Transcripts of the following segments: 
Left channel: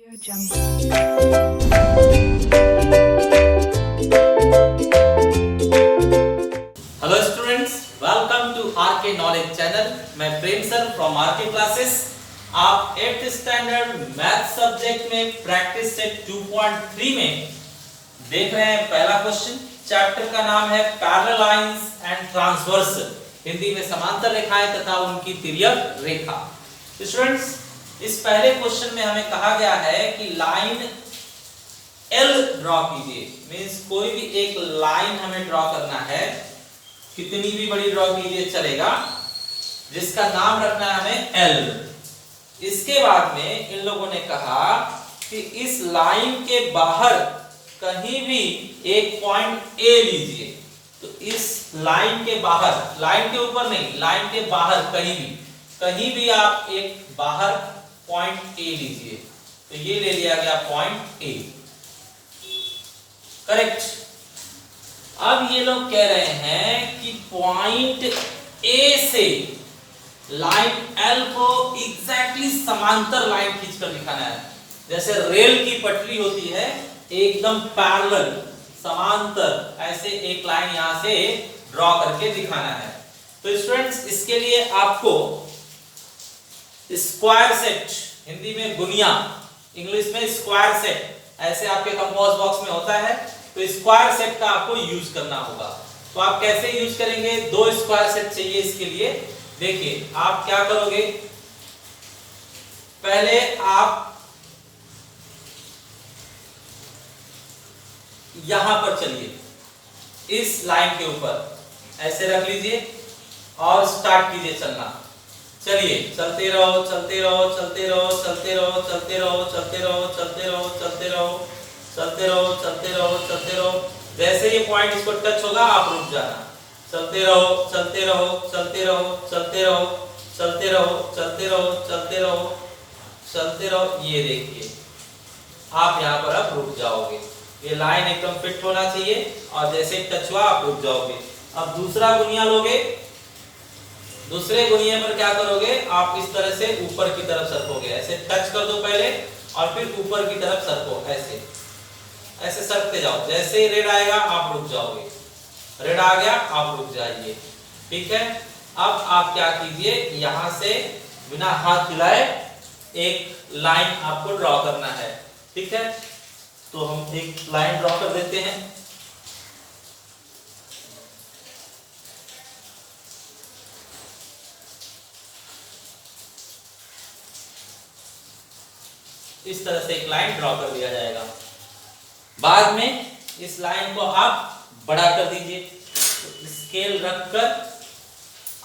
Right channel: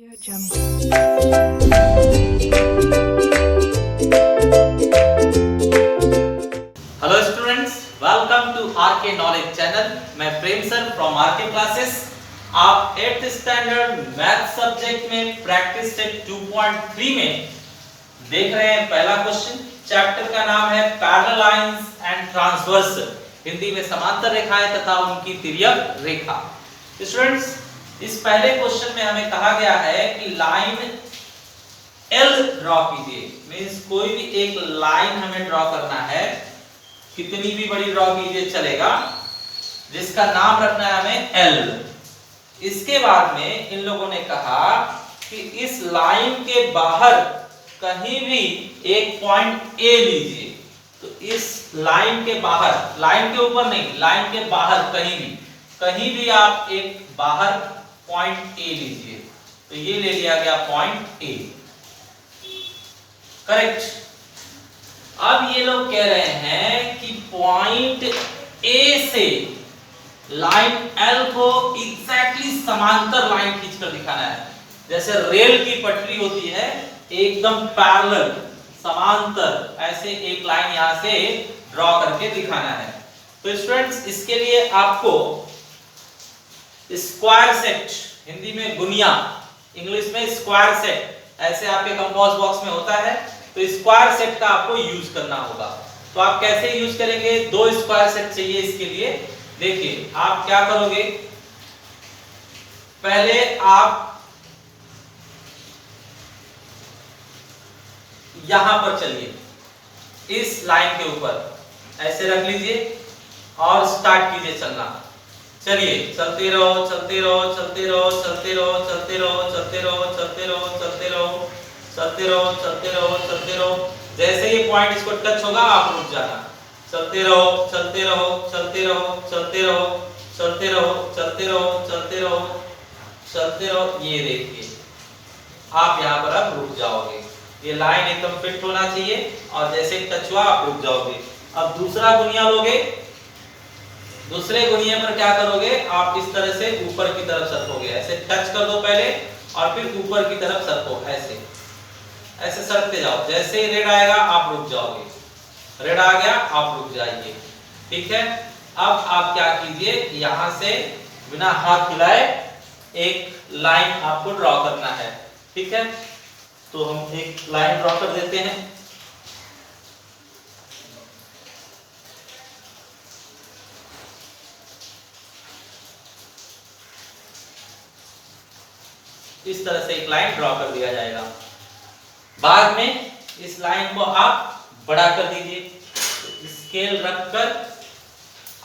Hello students, welcome to RK knowledge channel. मैं Prem sir from RK classes. आप 8th standard math subject में practice set 2.3 में देख रहे हैं पहला क्वेश्चन। चैप्टर का नाम है parallel lines and transverse, Hindi में समांतर रेखाएं तथा उनकी तिर्यक रेखा। स्टूडेंट्स, इस पहले क्वेश्चन में हमें कहा गया है कि लाइन L ड्रॉ कीजिए। मींस कोई भी एक लाइन हमें ड्रॉ करना है, कितनी भी बड़ी ड्रॉ कीजिए चलेगा, जिसका नाम रखना है हमें L। इसके बाद में इन लोगों ने कहा कि इस लाइन के बाहर कहीं भी एक पॉइंट A लीजिए। तो इस लाइन के बाहर, लाइन के ऊपर नहीं, लाइन के बाहर कहीं भी आप एक बाहर पॉइंट A लीजिए। तो ये ले लिया गया पॉइंट A, करेक्ट। अब ये लोग कह रहे हैं कि पॉइंट A से लाइन L को एग्जैक्टली समांतर लाइन खींचकर दिखाना है। जैसे रेल की पटरी होती है, एकदम पैरेलल समांतर, ऐसे एक लाइन यहां से ड्रॉ करके दिखाना है। तो स्टूडेंट्स, इसके लिए आपको स्क्वायर सेट, हिंदी में गुनिया, इंग्लिश में स्क्वायर सेट, ऐसे आपके कंपास बॉक्स में होता है। तो स्क्वायर सेट का आपको यूज करना होगा। तो आप कैसे यूज करेंगे? दो स्क्वायर सेट चाहिए इसके लिए। देखिए आप क्या करोगे, पहले आप यहां पर चलिए, इस लाइन के ऊपर ऐसे रख लीजिए और स्टार्ट कीजिए चलना। चलिए चलते रहो, चलते रहो, चलते रहो, चलते रहो, चलते रहो, चलते रहो, चलते रहो, चलते रहो, चलते रहो, चलते रहो, चलते रहो। जैसे ये पॉइंट इसको टच होगा आप रुक जाना। चलते रहो, चलते रहो, चलते रहो, चलते रहो, चलते रहो, चलते रहो, चलते रहो, चलते रहो। ये देखिए, आप यहाँ पर अब रुक जाओगे। ये लाइन एकदम फिट होना चाहिए और जैसे टच हुआ आप रुक जाओगे। अब दूसरा गुनिया लोगे। दूसरे गुनिया पर क्या करोगे, आप इस तरह से ऊपर की तरफ सरकोगे। ऐसे टच कर दो पहले और फिर ऊपर की तरफ सरको। ऐसे ऐसे सरकते जाओ। जैसे ही रेड आएगा आप रुक जाओगे। रेड आ गया आप रुक जाइए, ठीक है। अब आप क्या कीजिए, यहां से बिना हाथ हिलाए एक लाइन आपको ड्रॉ करना है, ठीक है। तो हम एक लाइन ड्रॉ कर देते हैं। इस तरह से एक लाइन ड्रॉ कर दिया जाएगा। बाद में इस लाइन को आप बड़ा कर दीजिए। तो स्केल रखकर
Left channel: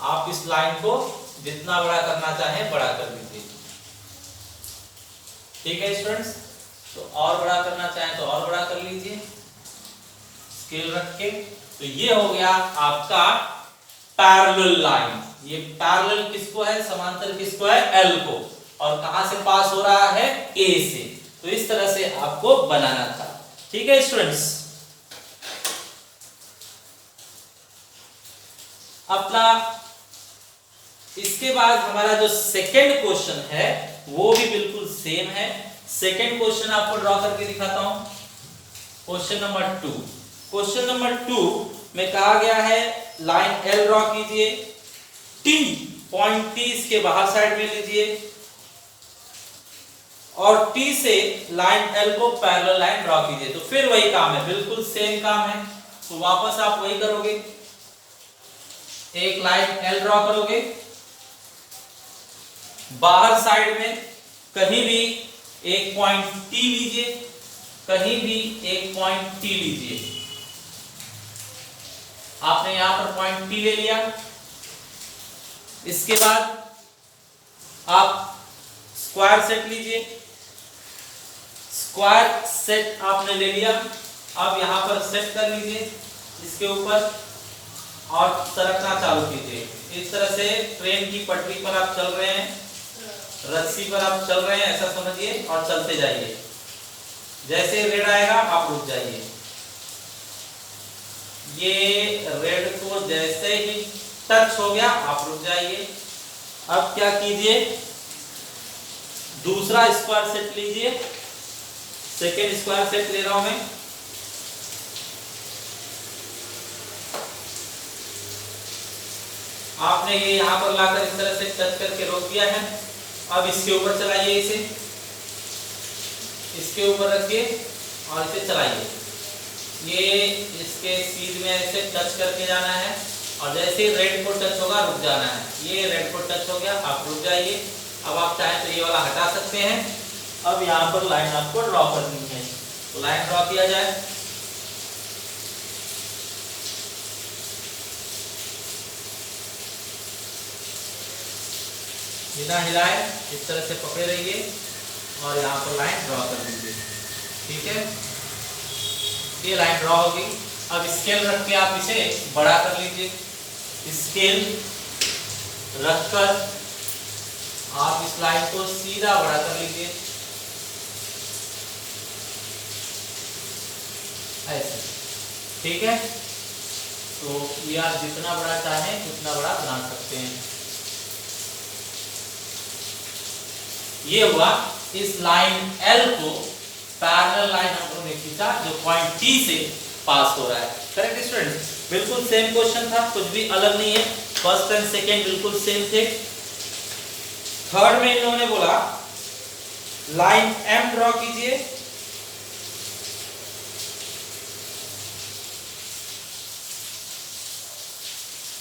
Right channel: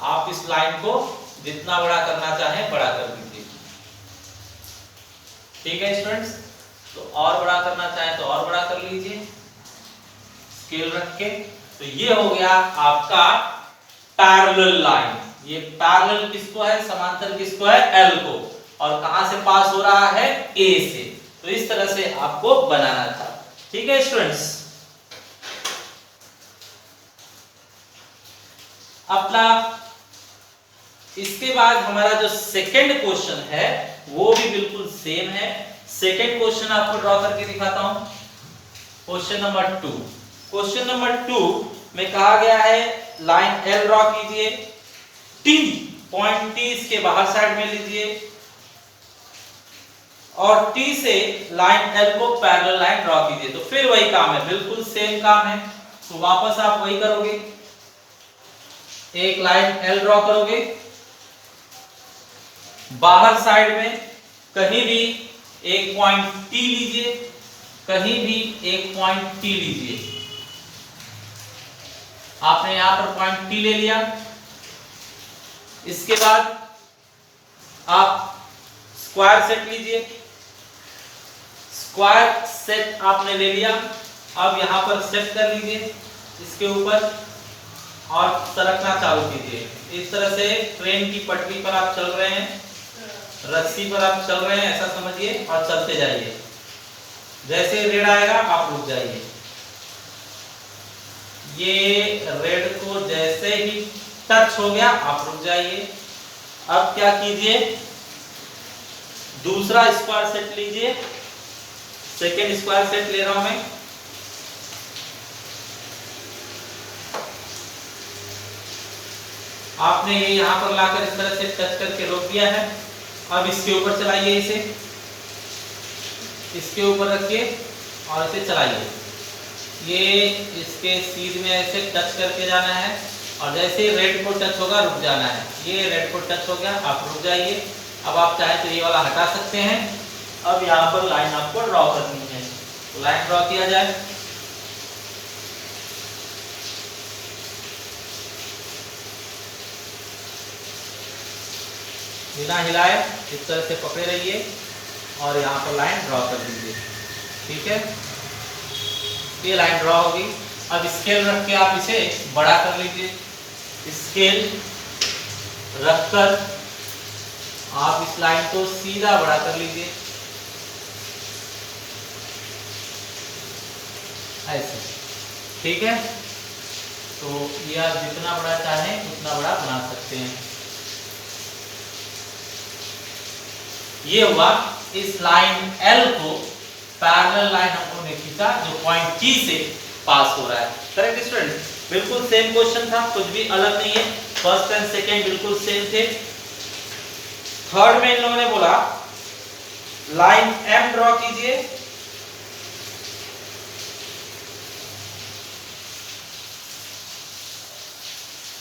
आप इस लाइन को जितना बड़ा करना चाहें बड़ा कर दीजिए, ठीक है स्टूडेंट्स। तो और बड़ा करना चाहें तो और बड़ा कर लीजिए स्केल रख के। तो ये हो गया आपका पैरेलल लाइन। ये पैरेलल किसको है? समांतर किसको है? L को। और कहां से पास हो रहा है? A से। तो इस तरह से आपको बनाना था, ठीक है स्टूडेंट्स। अपना इसके बाद हमारा जो सेकंड क्वेश्चन है वो भी बिल्कुल सेम है। सेकंड क्वेश्चन आपको ड्रॉ करके दिखाता हूं। Question number 2। क्वेश्चन नंबर 2 में कहा गया है लाइन L ड्रॉ कीजिए। T, पॉइंट T इसके बाहर साइड में लीजिए और T से लाइन L को पैरेलल लाइन ड्रॉ कीजिए। तो फिर वही काम है, बिल्कुल सेम काम है। तो वापस आप वही करोगे, एक लाइन L ड्रॉ करोगे। बाहर साइड में कहीं भी एक पॉइंट T लीजिए, कहीं भी एक पॉइंट T लीजिए। आपने यहां पर पॉइंट T ले लिया। इसके बाद आप स्क्वायर सेट लीजिए। स्क्वायर सेट आपने ले लिया। अब यहां पर सेट कर लीजिए इसके ऊपर और सरकना चालू कीजिए। इस तरह से ट्रेन की पटरी पर आप चल रहे हैं, रस्सी पर आप चल रहे हैं, ऐसा समझिए और चलते जाइए। जैसे रेड आएगा आप रुक जाइए। ये रेड को जैसे ही टच हो गया आप रुक जाइए। अब क्या कीजिए, दूसरा स्क्वायर सेट लीजिए सेकेंड स्क्वायर सेट ले रहा हूं मैं। आपने ये यहां पर लाकर इस तरह से टच करके रोक दिया है। अब इसके ऊपर चलाइए, इसे इसके ऊपर रखिए और इसे चलाइए। ये इसके सीध में ऐसे टच करके जाना है और जैसे रेड को टच होगा रुक जाना है। ये रेड को टच हो गया, आप रुक जाइए। अब आप चाहें तो ये वाला हटा सकते हैं। अब यहाँ पर लाइन आपको ड्रॉ करनी है, तो लाइन ड्रॉ किया जाए। बिना हिलाए इस तरह से पकड़े रहिए और यहाँ पर लाइन ड्रॉ कर दीजिए। ठीक है, ये लाइन ड्रॉ होगी। अब स्केल रख के आप इसे बड़ा कर लीजिए। स्केल रखकर आप इस लाइन को सीधा बड़ा कर लीजिए, ऐसे। ठीक है, तो ये आप जितना बड़ा चाहें उतना बड़ा बना सकते हैं। ये हुआ, इस लाइन L को पैरेलल लाइन हम लोगों ने खींचा जो पॉइंट T से पास हो रहा है। करेक्ट स्टूडेंट, बिल्कुल सेम क्वेश्चन था, कुछ भी अलग नहीं है। फर्स्ट एंड सेकेंड बिल्कुल सेम थे। थर्ड में इन लोगों ने बोला लाइन M ड्रॉ कीजिए।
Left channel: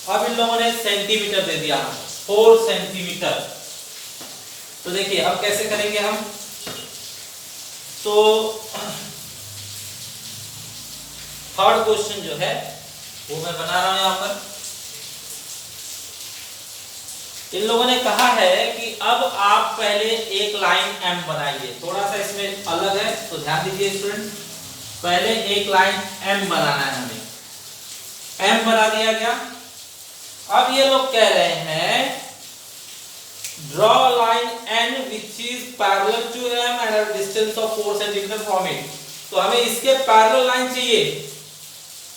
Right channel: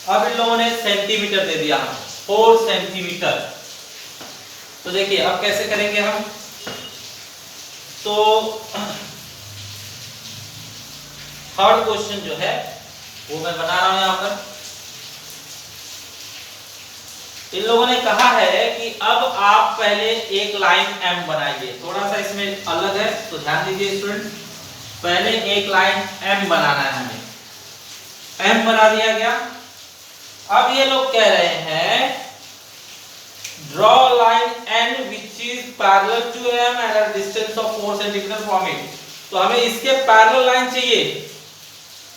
अब इन लोगों ने सेंटीमीटर दे दिया, 4 सेंटीमीटर। तो देखिए अब कैसे करेंगे हम, तो थर्ड क्वेश्चन जो है वो मैं बना रहा हूं यहां पर। इन लोगों ने कहा है कि अब आप पहले एक लाइन M बनाइए। थोड़ा सा इसमें अलग है तो ध्यान दीजिए स्टूडेंट। पहले एक लाइन M बनाना है हमें। M बना दिया गया। अब ये लोग कह रहे हैं draw line N which is parallel to M and at a distance of 4 cm from it। तो हमें इसके पैरेलल लाइन चाहिए,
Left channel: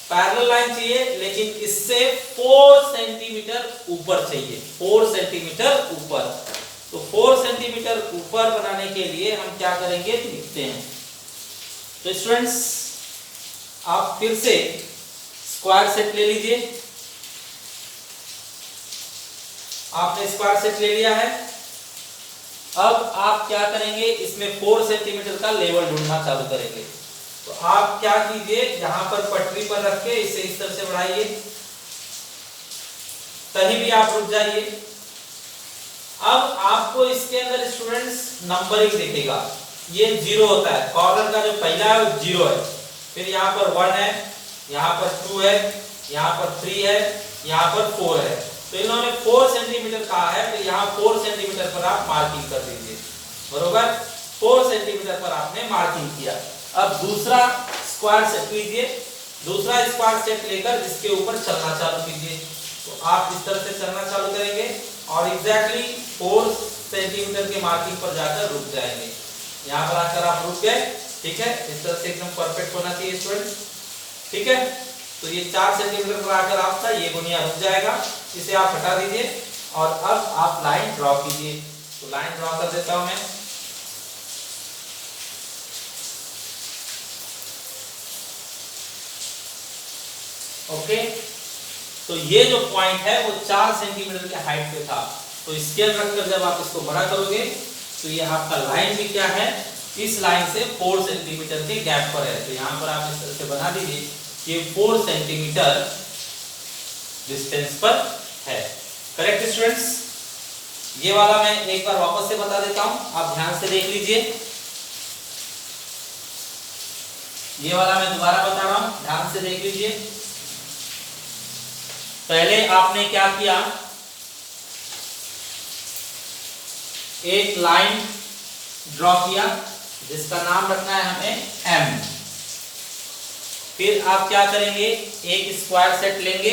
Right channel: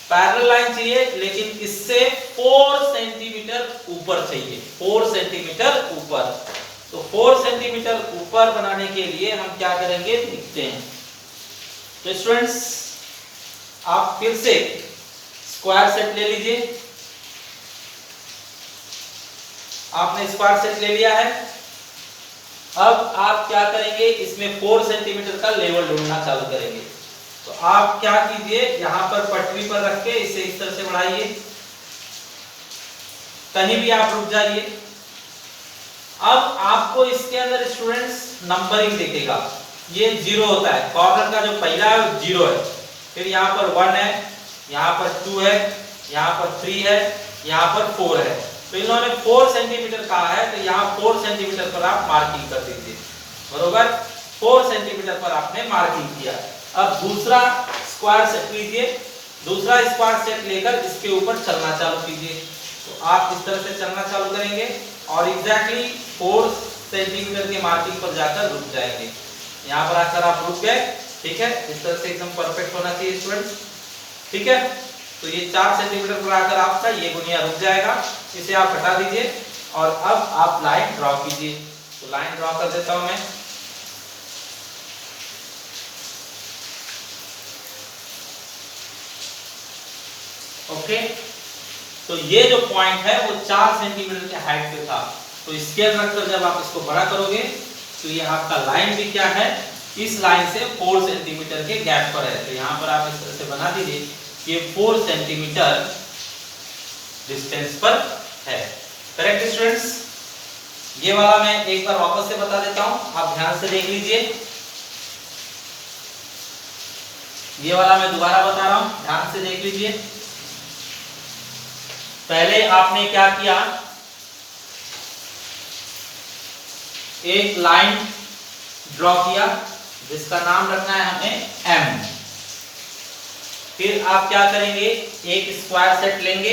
पैरेलल लाइन चाहिए, लेकिन इससे 4 सेंटीमीटर ऊपर चाहिए, 4 सेंटीमीटर ऊपर। तो 4 सेंटीमीटर ऊपर बनाने के लिए हम क्या करेंगे, लिखते हैं। तो स्टूडेंट्स आप फिर से स्क्वायर सेट ले लीजिए। आपने स्क्वायर सेट ले लिया है। अब आप क्या करेंगे, इसमें 4 सेंटीमीटर का लेवल ढूंढना चालू करेंगे। तो आप क्या कीजिए, यहां पर पटरी पर रख के इसे इस तरह से बढ़ाइए, कहीं भी आप रुक जाइए। अब आपको इसके अंदर स्टूडेंट्स नंबरिंग दिखेगा। ये 0 होता है, कॉर्नर का जो पहला है वो 0 है, फिर यहाँ पर 1 है, यहाँ पर 2 है, यहाँ पर 3 है, यहाँ पर 4 है। तो इन्होंने 4 सेंटीमीटर कहा है, तो यहाँ 4 सेंटीमीटर पर आप मार्किंग कर दीजिए। बरोबर, 4 सेंटीमीटर पर आपने मार्किंग किया। अब दूसरा स्क्वायर सेट लीजिए, दूसरा स्क्वायर सेट लेकर इसके ऊपर चलना चालू कीजिए। तो आप इस तरह से चलना चालू करेंगे और एग्जैक्टली 4 सेंटीमीटर के मार्किंग पर जाकर रुक जाएंगे। यहाँ पर आकर आप रुक गए। ठीक है, इस तरह से एकदम परफेक्ट होना चाहिए स्टूडेंट। ठीक है, तो ये 4 सेंटीमीटर पर आकर आपका ये गुनिया रुक जाएगा। इसे आप हटा दीजिए और अब आप लाइन ड्रॉ कीजिए। तो लाइन ड्रॉ कर देता हूं मैं। ओके, तो ये जो पॉइंट है वो 4 सेंटीमीटर के हाइट पे था। तो स्केल रखकर जब आप इसको बड़ा करोगे तो ये आपका लाइन भी क्या है, इस लाइन से 4 सेंटीमीटर के गैप पर है। तो यहाँ पर आप इस तरह से बना दीजिए, ये 4 सेंटीमीटर डिस्टेंस पर है। करेक्ट स्टूडेंट्स, ये वाला मैं एक बार वापस से बता देता हूं, आप ध्यान से देख लीजिए। ये वाला मैं दोबारा बता रहा हूं, ध्यान से देख लीजिए। पहले आपने क्या किया, एक लाइन ड्रॉ किया जिसका नाम रखना है हमें M। फिर आप क्या करेंगे, एक स्क्वायर सेट लेंगे,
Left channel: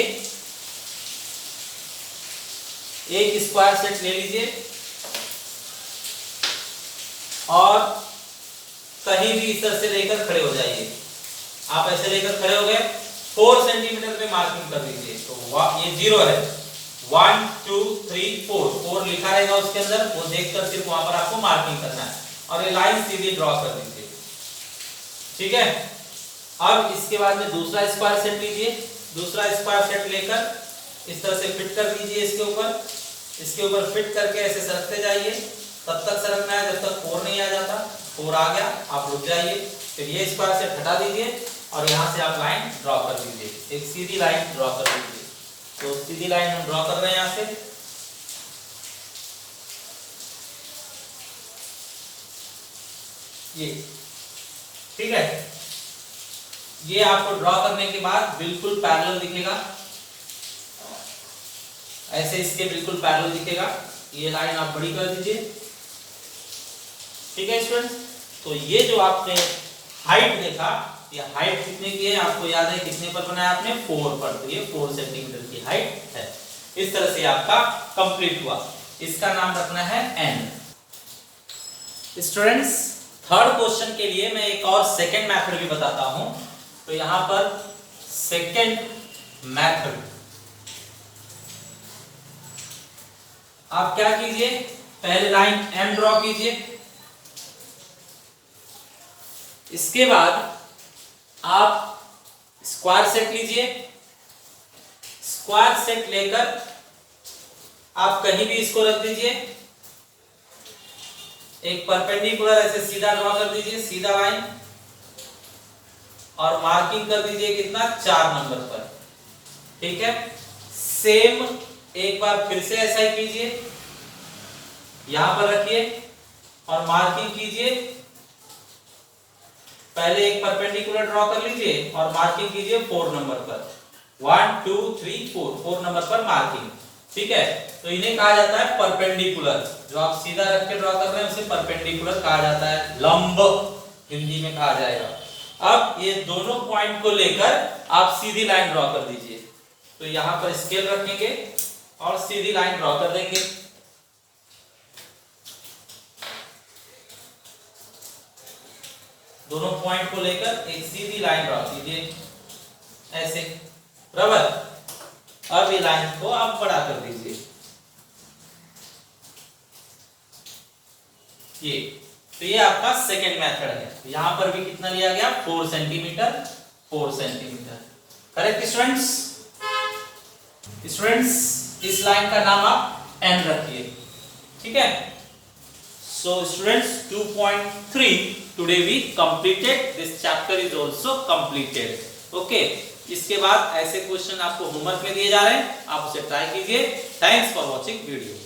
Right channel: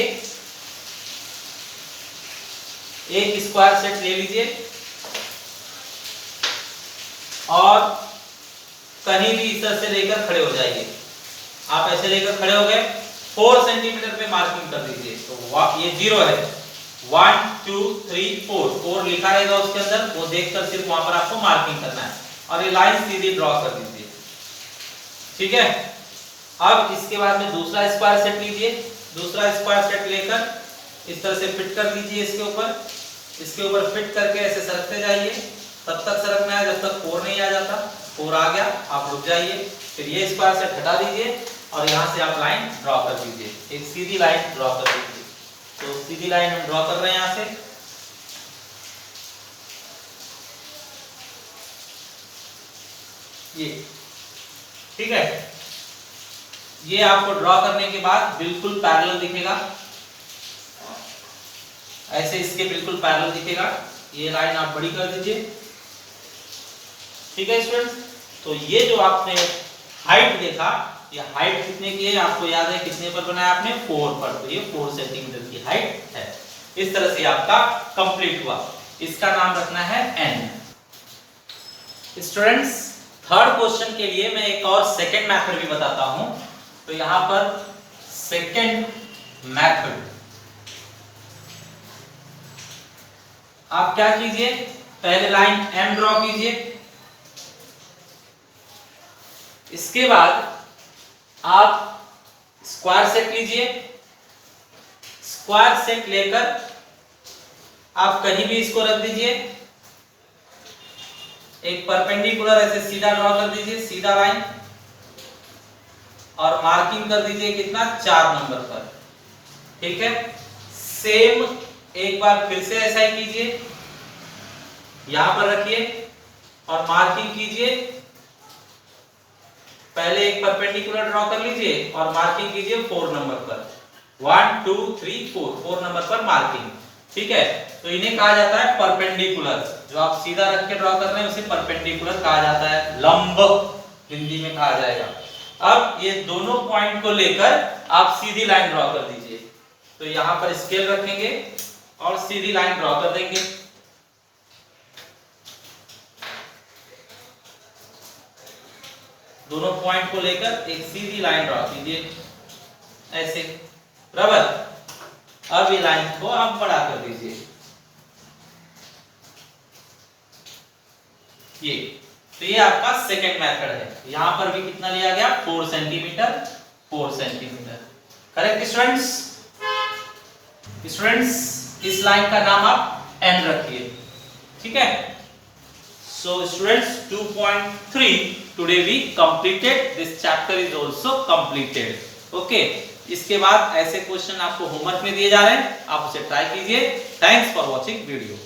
एक स्क्वायर सेट ले लीजिए और कहीं भी इस तरह से लेकर खड़े हो जाइए। आप ऐसे लेकर खड़े हो गए, 4 सेंटीमीटर पे मार्किंग कर दीजिए। तो ये 0 है, 1 2 3 4 लिखा रहेगा उसके अंदर, वो देखकर सिर्फ वहां पर आपको मार्किंग करना है और ये लाइन सीधी ड्रॉ कर दीजिए। ठीक है। अब इसके बाद में दूसरा स्क्वायर सेट लीजिए, दूसरा स्क्वायर सेट लेकर इस तरह से फिट कर दीजिए इसके ऊपर फिट करके ऐसे सरकते जाइए, तब तक सरकना है जब तक 4 नहीं आ जाता। 4 आ गया, आप रुक जाइए, फिर ये स्क्वायर सेट हटा दीजिए और यहाँ से आप लाइन ड्रॉ कर दीजिए, एक सीधी लाइन ड्रॉ कर दीजिए। तो सीधी लाइन हम ड्रॉ कर रहे हैं यहाँ से, ये ठीक है। ये आपको ड्रॉ करने के बाद बिल्कुल पैरेलल दिखेगा, ऐसे इसके बिल्कुल पैरेलल दिखेगा। ये लाइन आप बड़ी कर दीजिए, ठीक है स्टूडेंट्स। तो ये जो आपने हाइट देखा, ये हाइट कितने की है आपको याद है, कितने पर बनाया आपने, 4 पर। तो ये 4 सेंटीमीटर की हाइट है। इस तरह से आपका कंप्लीट हुआ। इसका नाम रखना है n। स्टूडेंट्स थर्ड क्वेश्चन के लिए मैं एक और सेकंड मेथड भी बताता हूं। तो यहां पर सेकंड मेथड, आप क्या कीजिए, पहले लाइन m ड्रॉ कीजिए, इसके बाद आप स्क्वायर सेट लीजिए, स्क्वायर सेट लेकर आप कहीं भी इसको रख दीजिए, एक परपेंडिकुलर ऐसे सीधा ड्रॉ कर दीजिए, सीधा लाइन, और मार्किंग कर दीजिए कितना, 4 नंबर पर, ठीक है। सेम एक बार फिर से ऐसा ही कीजिए, यहां पर रखिए और मार्किंग कीजिए, पहले एक परपेंडिकुलर ड्रॉ कर लीजिए और मार्किंग कीजिए 4 नंबर पर, 1 2 3 4 नंबर पर मार्किंग, ठीक है। तो इन्हें कहा जाता है परपेंडिकुलर, जो आप सीधा रख के ड्रॉ कर रहे हैं उसे परपेंडिकुलर कहा जाता है, लंब हिंदी में कहा जाएगा। अब ये दोनों पॉइंट को लेकर आप सीधी लाइन ड्रॉ कर दीजिए। तो यहां पर स्केल रखेंगे और सीधी लाइन ड्रॉ कर देंगे, दोनों पॉइंट को लेकर एक सीधी लाइन ड्रॉ कीजिए ऐसे, बराबर। अब ये लाइन को आप बड़ा कर दीजिए, ये। तो ये आपका सेकेंड मेथड है। यहां पर भी कितना लिया गया, 4 centimetre, 4 centimetre, correct students. Students इस लाइन का नाम आप n रखिए, ठीक है। So students 2.3 today we completed, this chapter is also completed, okay। इसके बाद ऐसे क्वेश्चन आपको होमवर्क में दिए जा रहे हैं, आप उसे ट्राई कीजिए। Thanks for watching video.